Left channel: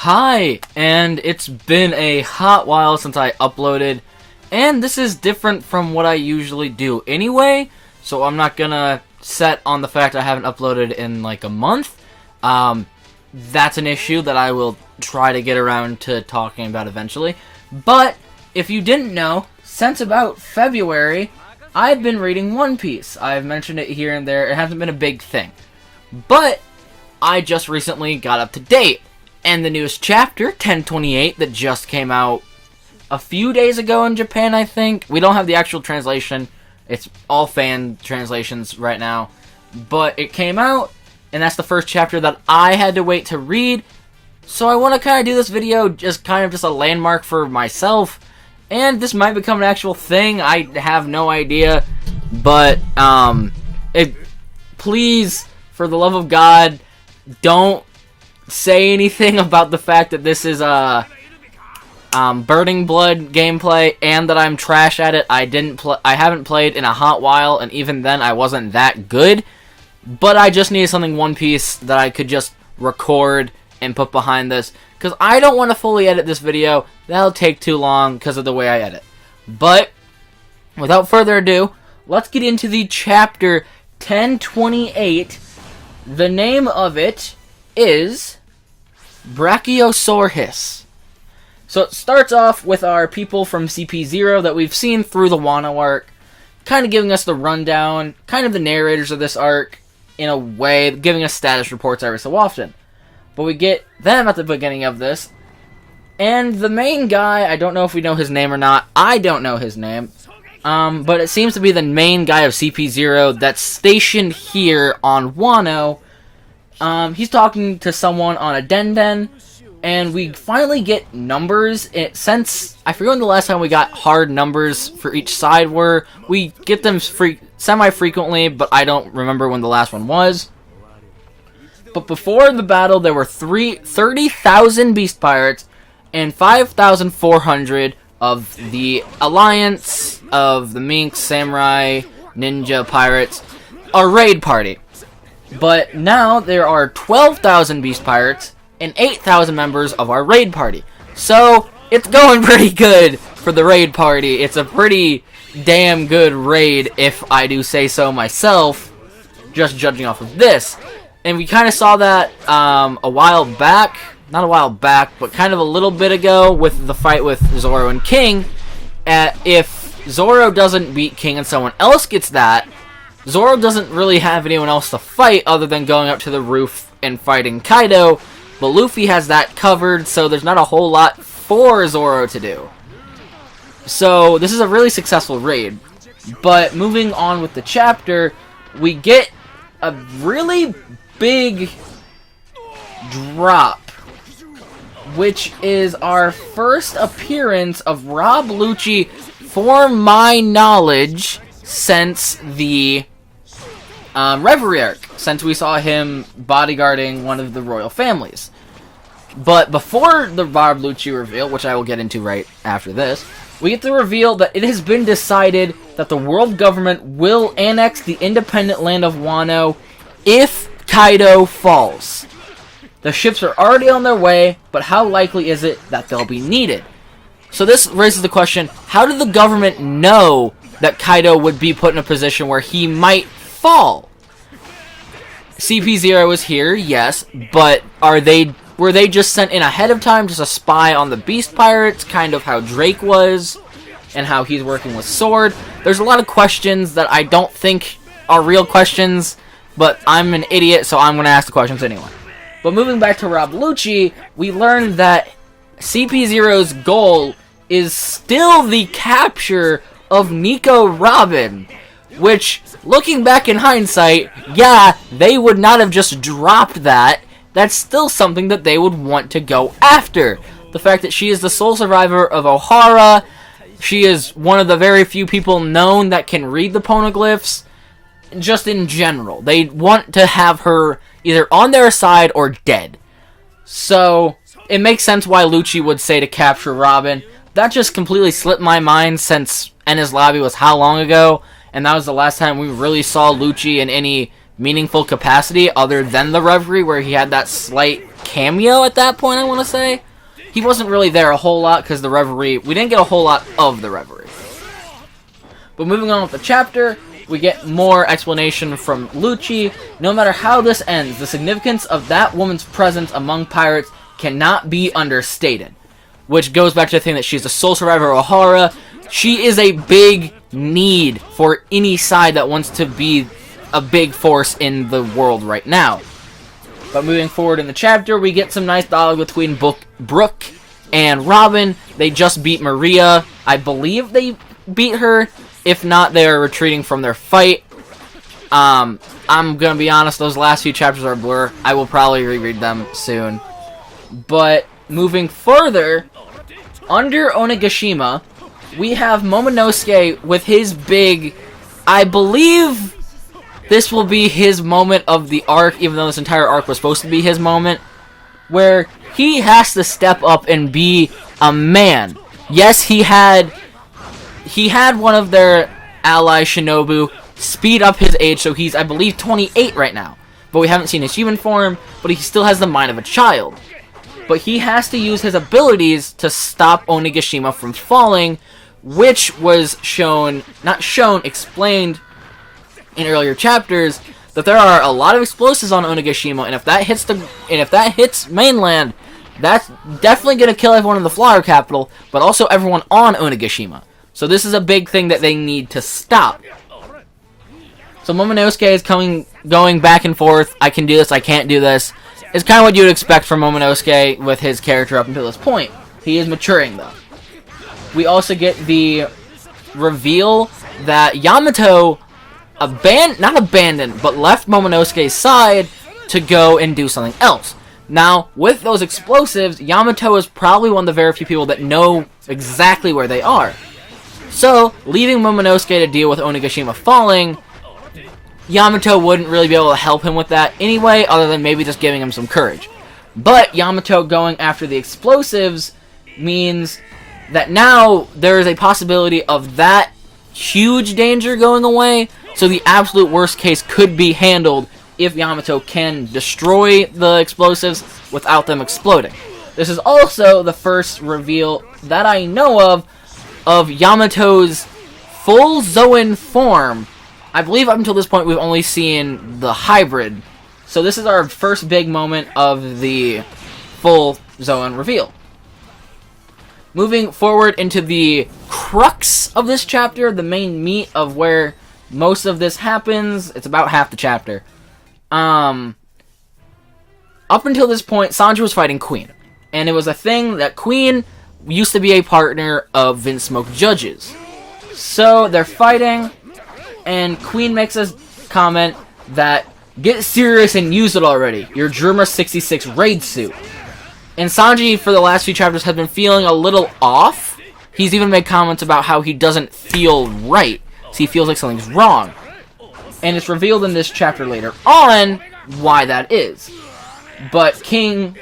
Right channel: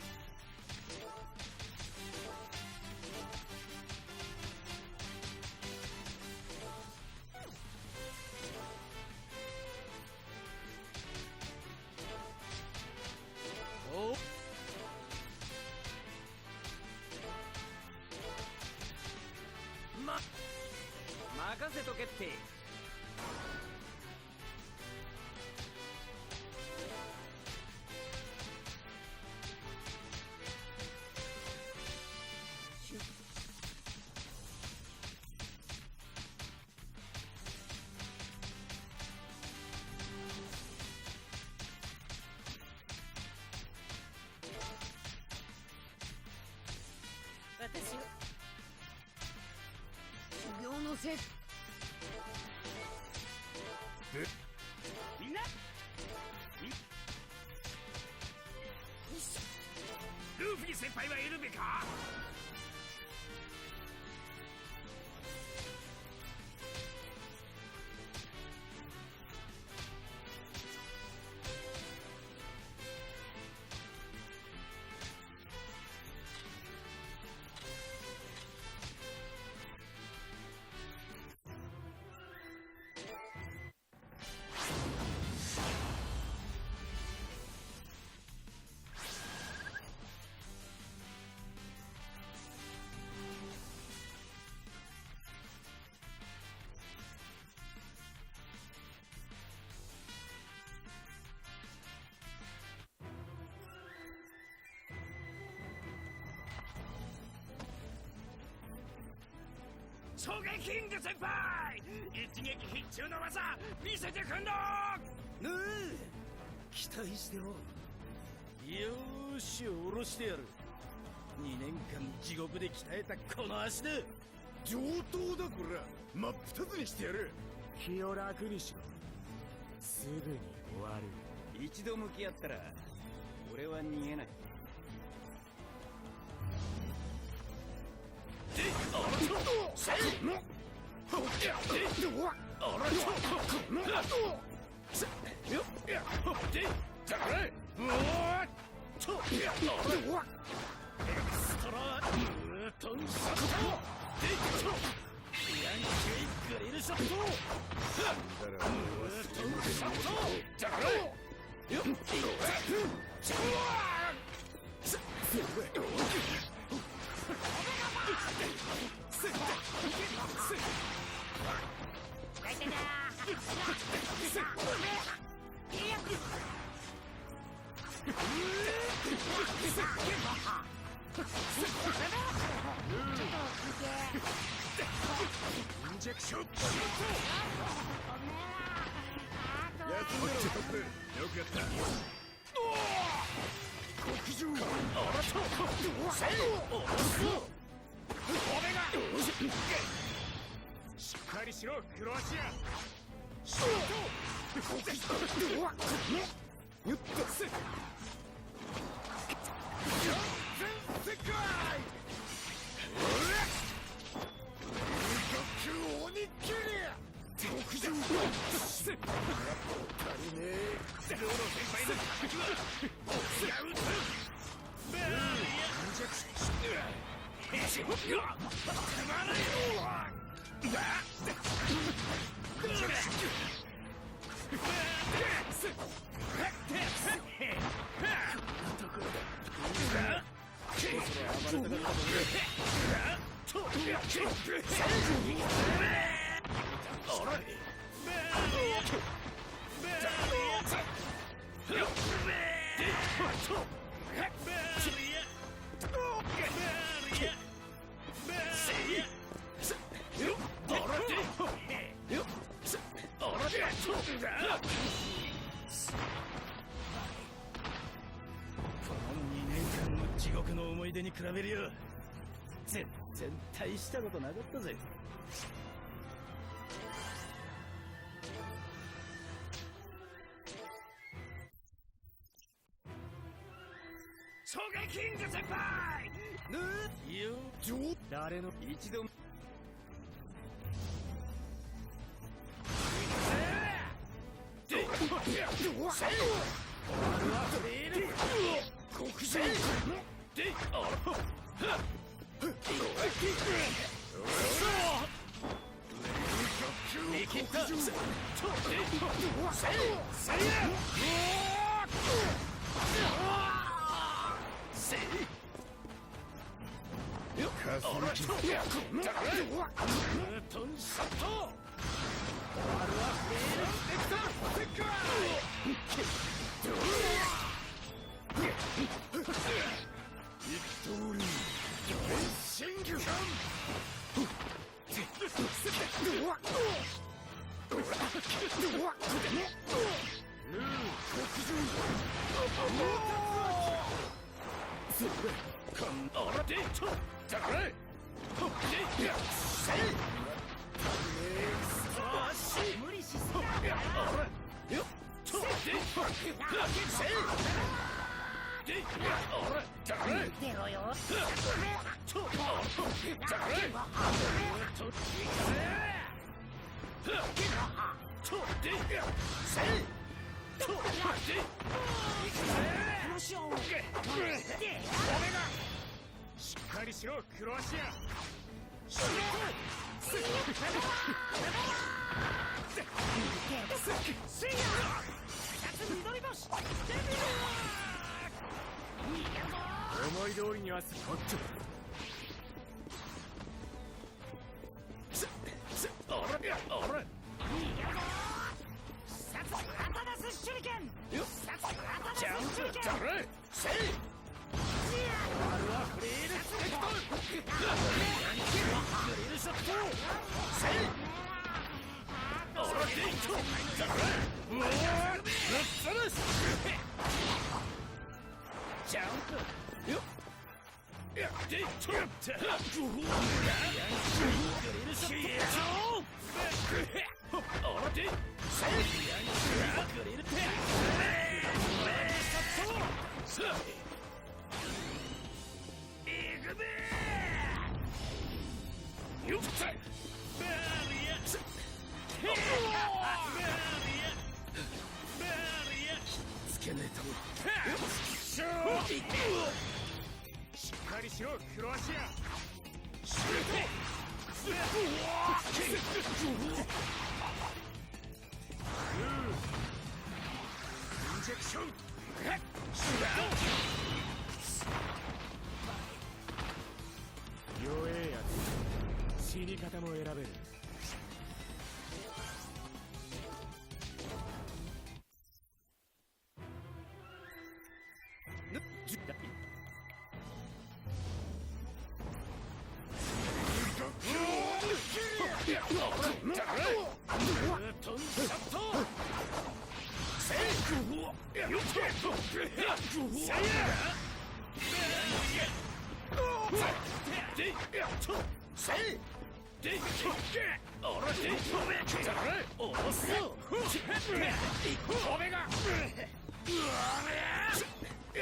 Hi, and it's been a hot while since I uploaded, and this is different from what I usually do anyway, so I'm not gonna set on the fact I haven't uploaded in like a month. That's an issue that I will try to get around to talking about eventually. But if you didn't know, since about February, I've been reading One Piece. I've mentioned it here and there. It hasn't been a big thing. But I just recently got up to date. And the newest chapter, 1028, that just came out a few days ago in Japan, I think. We don't have the actual translation. It's all fan translations right now. But it came out, and that's the first chapter that I had to wait to read. So I want to kind of do this video just a landmark for myself. And this might become an actual thing. I have no idea. But, please, for the love of God, don't say anything about the fact that this is Burning Blood gameplay and that I'm trash at it. I haven't played in a hot while, and even then I wasn't that good. But I just needed something One Piece that I could just record and put behind this, because I don't want to fully edit this video. That'll take too long because of the way I edit. But without further ado, let's get into the chapter 1028. The name of it is Brachiosaur-Hiss. So it starts off with our people from CP0 that we've seen through the Wano arc, kind of giving us the rundown, kind of the narrators of this arc, in a way, giving us status reports every so often. But we get them at the beginning of this, and the main guy, I don't know if we know his name or not, I don't know his name, but it seems to be the main guy of CP0 that's stationed here on Wano. He's talking to someone on a Den, and we finally get numbers. Since I forget when the last time we got hard numbers for each side were. We get them semi-frequently, but I don't remember when the last one was. But before the battle, there were 30,000 Beast Pirates and 5,400 of the Alliance, of the Minks, Samurai, Ninja, Pirates, a raid party. But now there are 12,000 Beast Pirates and 8,000 members of our raid party. So it's going pretty good for the raid party. It's a pretty damn good raid, if I do say so myself, just judging off of this. And we kind of saw that a while back, not a while back, but kind of a little bit ago with the fight with Zoro and King. If Zoro doesn't beat King and someone else gets that, Zoro doesn't really have anyone else to fight other than going up to the roof and fighting Kaido, but Luffy has that covered, so there's not a whole lot for Zoro to do. So this is a really successful raid. But moving on with the chapter, we get a really big drop, which is our first appearance of Rob Lucci, for my knowledge, since the Reverie arc, since we saw him bodyguarding one of the royal families. But before the Rob Lucci reveal, which I will get into right after this, we get the reveal that it has been decided that the world government will annex the independent land of Wano if Kaido falls. The ships are already on their way, but how likely is it that they'll be needed? So this raises the question, how did the government know that Kaido would be put in a position where he might fall? CP0 is here, yes, but were they just sent in ahead of time just to spy on the Beast Pirates, kind of how Drake was, and how he's working with Sword? There's a lot of questions that I don't think are real questions, but I'm an idiot, so I'm going to ask the questions anyway. But moving back to Rob Lucci, we learned that CP0's goal is still the capture of Nico Robin, which, looking back in hindsight, yeah, they would not have just dropped that. That's still something that they would want to go after. The fact that she is the sole survivor of Ohara, she is one of the very few people known that can read the poneglyphs, just in general. They want to have her either on their side or dead. So, it makes sense why Lucci would say to capture Robin. That just completely slipped my mind since Enies Lobby was how long ago, and that was the last time we really saw Lucci in any meaningful capacity other than the Reverie, where he had that slight cameo at that point, I want to say. He wasn't really there a whole lot because the Reverie, we didn't get a whole lot of the Reverie. But moving on with the chapter, we get more explanation from Lucci. No matter how this ends, the significance of that woman's presence among pirates cannot be understated. Which goes back to the thing that she's the sole survivor of Ohara. She is a big need for any side that wants to be a big force in the world right now. But moving forward in the chapter, we get some nice dialogue between Brooke and Robin. They just beat Maria. I believe they beat her. If not, they are retreating from their fight. I'm gonna be honest, those last few chapters are a blur. I will probably reread them soon. But moving further, under Onigashima, we have Momonosuke with his big, I believe this will be his moment of the arc, even though this entire arc was supposed to be his moment, where he has to step up and be a man. Yes, he had one of their allies, Shinobu, speed up his age, so he's, I believe, 28 right now. But we haven't seen his human form, but he still has the mind of a child. But he has to use his abilities to stop Onigashima from falling, which was explained in earlier chapters, that there are a lot of explosives on Onigashima, and if that hits mainland, that's definitely gonna kill everyone in the Flower Capital, but also everyone on Onigashima. So this is a big thing that they need to stop. So Momonosuke is going back and forth. I can do this, I can't do this. It's kind of what you would expect from Momonosuke with his character up until this point. He is maturing, though. We also get the reveal that Yamato not abandoned, but left Momonosuke's side to go and do something else. Now, with those explosives, Yamato is probably one of the very few people that know exactly where they are. So, leaving Momonosuke to deal with Onigashima falling, Yamato wouldn't really be able to help him with that anyway, other than maybe just giving him some courage. But Yamato going after the explosives means that now there is a possibility of that huge danger going away, so the absolute worst case could be handled if Yamato can destroy the explosives without them exploding. This is also the first reveal that I know of Yamato's full Zoan form. I believe up until this point we've only seen the hybrid. So this is our first big moment of the full Zoan reveal. Moving forward into the crux of this chapter, the main meat of where most of this happens, it's about half the chapter. Up until this point, Sanji was fighting Queen. And it was a thing that Queen used to be a partner of Vince Smoke Judge's. So they're fighting, and Queen makes a comment that, "Get serious and use it already, your Drummer 66 raid suit." And Sanji, for the last few chapters, has been feeling a little off. He's even made comments about how he doesn't feel right. So he feels like something's wrong. And it's revealed in this chapter later on why that is. But Queen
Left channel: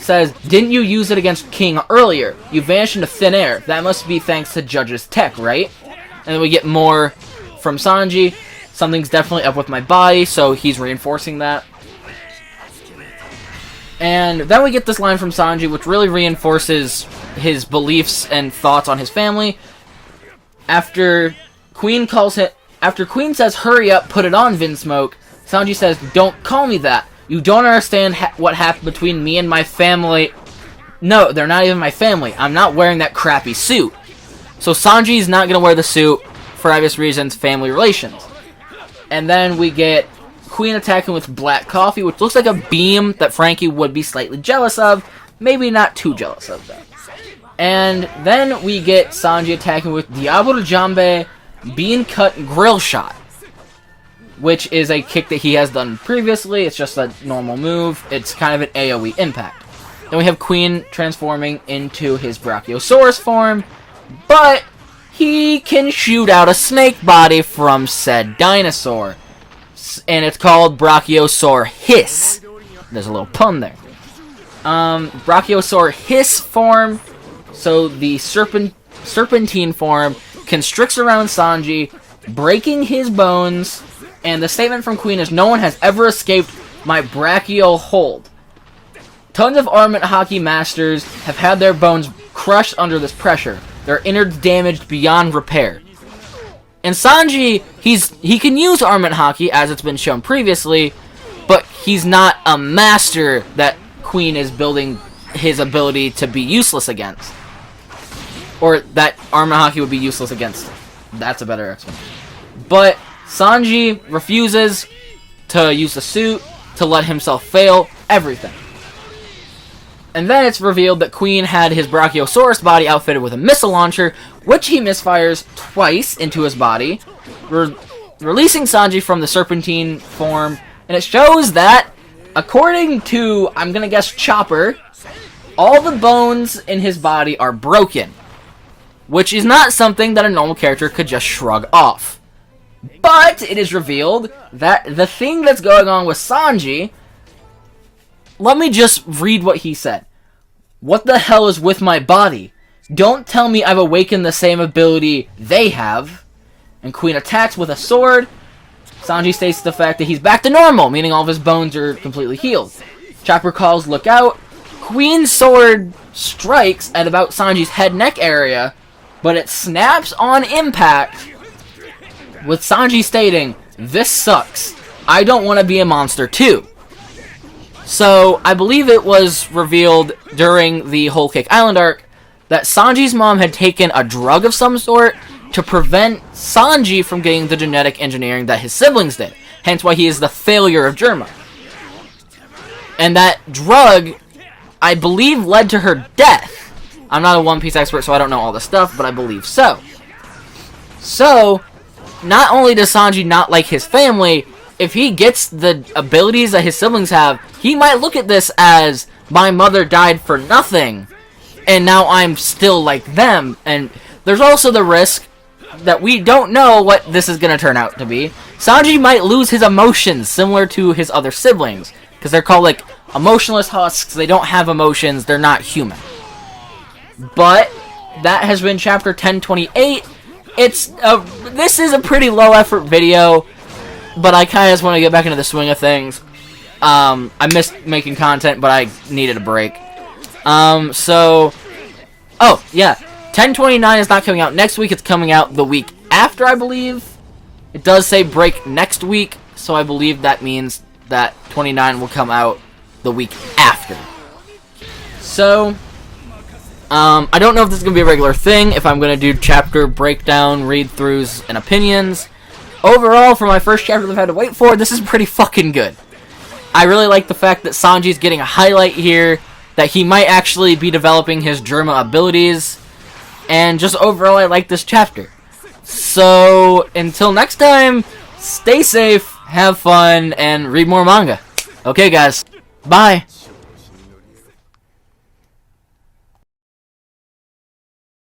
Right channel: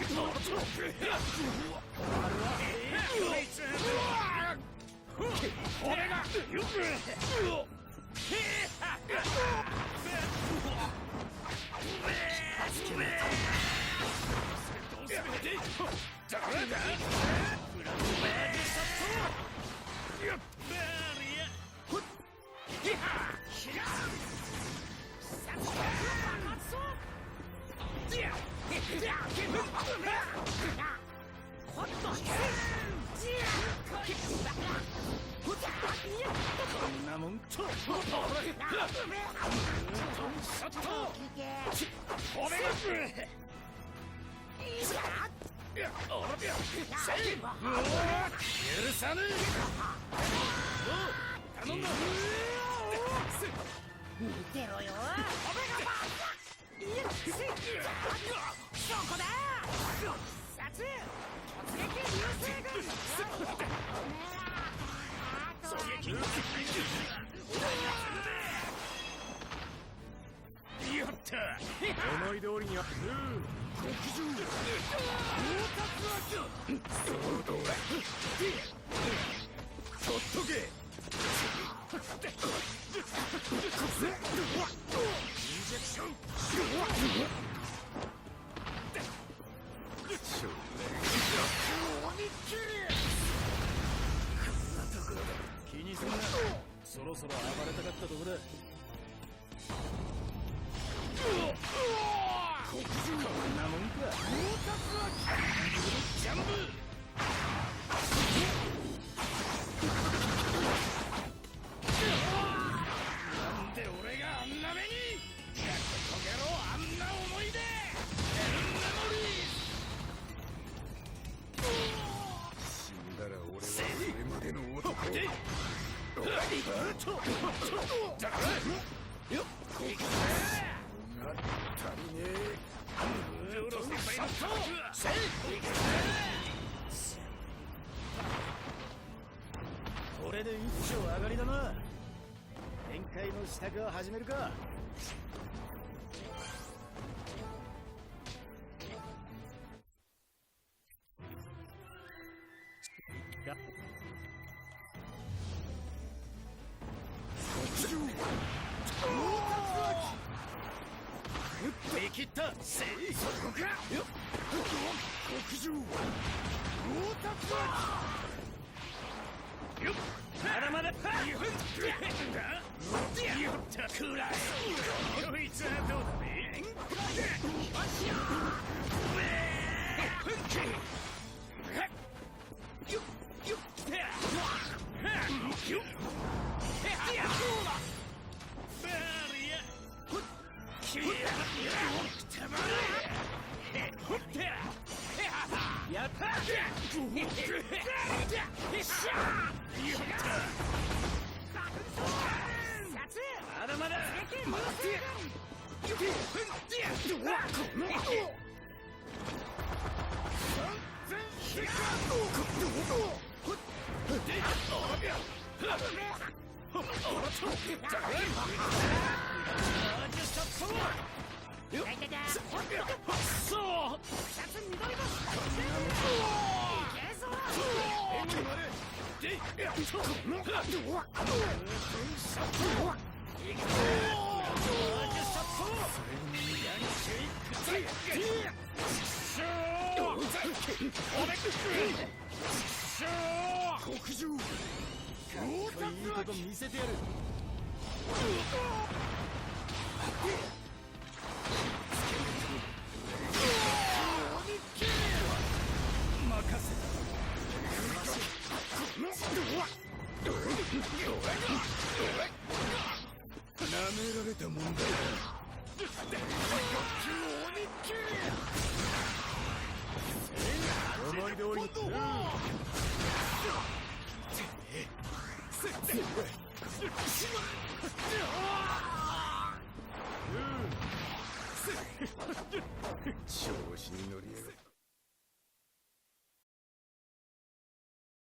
says, "Didn't you use it against King earlier? You vanished into thin air. That must be thanks to Judge's tech, right?" And then we get more from Sanji. Something's definitely up with my body, so he's reinforcing that. And then we get this line from Sanji, which really reinforces his beliefs and thoughts on his family. After Queen says, "Hurry up, put it on, Vinsmoke," Sanji says, "Don't call me that. You don't understand what happened between me and my family." No, they're not even my family. I'm not wearing that crappy suit. So Sanji's not going to wear the suit for obvious reasons, family relations. And then we get Queen attacking with black coffee, which looks like a beam that Frankie would be slightly jealous of. Maybe not too jealous of them. And then we get Sanji attacking with Diablo Jambe Bean Cut Grill Shot, which is a kick that he has done previously. It's just a normal move. It's kind of an AoE impact. Then we have Queen transforming into his Brachiosaurus form, but he can shoot out a snake body from said dinosaur. And it's called Brachiosaur-Hiss. There's a little pun there. Brachiosaur-Hiss form, so the serpentine form, constricts around Sanji, breaking his bones, And the statement from Queen is, "No one has ever escaped my brachial hold. Tons of armament hockey masters have had their bones crushed under this pressure. Their innards damaged beyond repair." And Sanji, he can use armament hockey, as it's been shown previously, but he's not a master that Queen is building his ability to be useless against. Or that armament hockey would be useless against. That's a better explanation. But Sanji refuses to use the suit, to let himself fail, everything. And then it's revealed that Queen had his Brachiosaurus body outfitted with a missile launcher, which he misfires twice into his body, releasing Sanji from the serpentine form. And it shows that, according to, I'm gonna guess, Chopper, all the bones in his body are broken, which is not something that a normal character could just shrug off. But it is revealed that the thing that's going on with Sanji, let me just read what he said. "What the hell is with my body? Don't tell me I've awakened the same ability they have." And Queen attacks with a sword. Sanji states the fact that he's back to normal, meaning all of his bones are completely healed. Chopper calls, "Look out." Queen's sword strikes at about Sanji's head-neck area, but it snaps on impact, with Sanji stating, "This sucks. I don't want to be a monster too." So, I believe it was revealed during the Whole Cake Island arc that Sanji's mom had taken a drug of some sort to prevent Sanji from getting the genetic engineering that his siblings did. Hence why he is the failure of Germa. And that drug, I believe, led to her death. I'm not a One Piece expert, so I don't know all the stuff, but I believe so. So, not only does Sanji not like his family, if he gets the abilities that his siblings have, he might look at this as, my mother died for nothing, and now I'm still like them. And there's also the risk that we don't know what this is going to turn out to be. Sanji might lose his emotions, similar to his other siblings, because they're called, like, emotionless husks. They don't have emotions. They're not human. But that has been chapter 1028. This is a pretty low-effort video, but I kind of just want to get back into the swing of things. I missed making content, but I needed a break. Oh, yeah. 1029 is not coming out next week. It's coming out the week after, I believe. It does say break next week, so I believe that means that 29 will come out the week after. So, I don't know if this is going to be a regular thing, if I'm going to do chapter breakdown, read-throughs, and opinions. Overall, for my first chapter that I've had to wait for, this is pretty fucking good. I really like the fact that Sanji's getting a highlight here, that he might actually be developing his Germa abilities, and just overall, I like this chapter. So, until next time, stay safe, have fun, and read more manga. Okay, guys. Bye.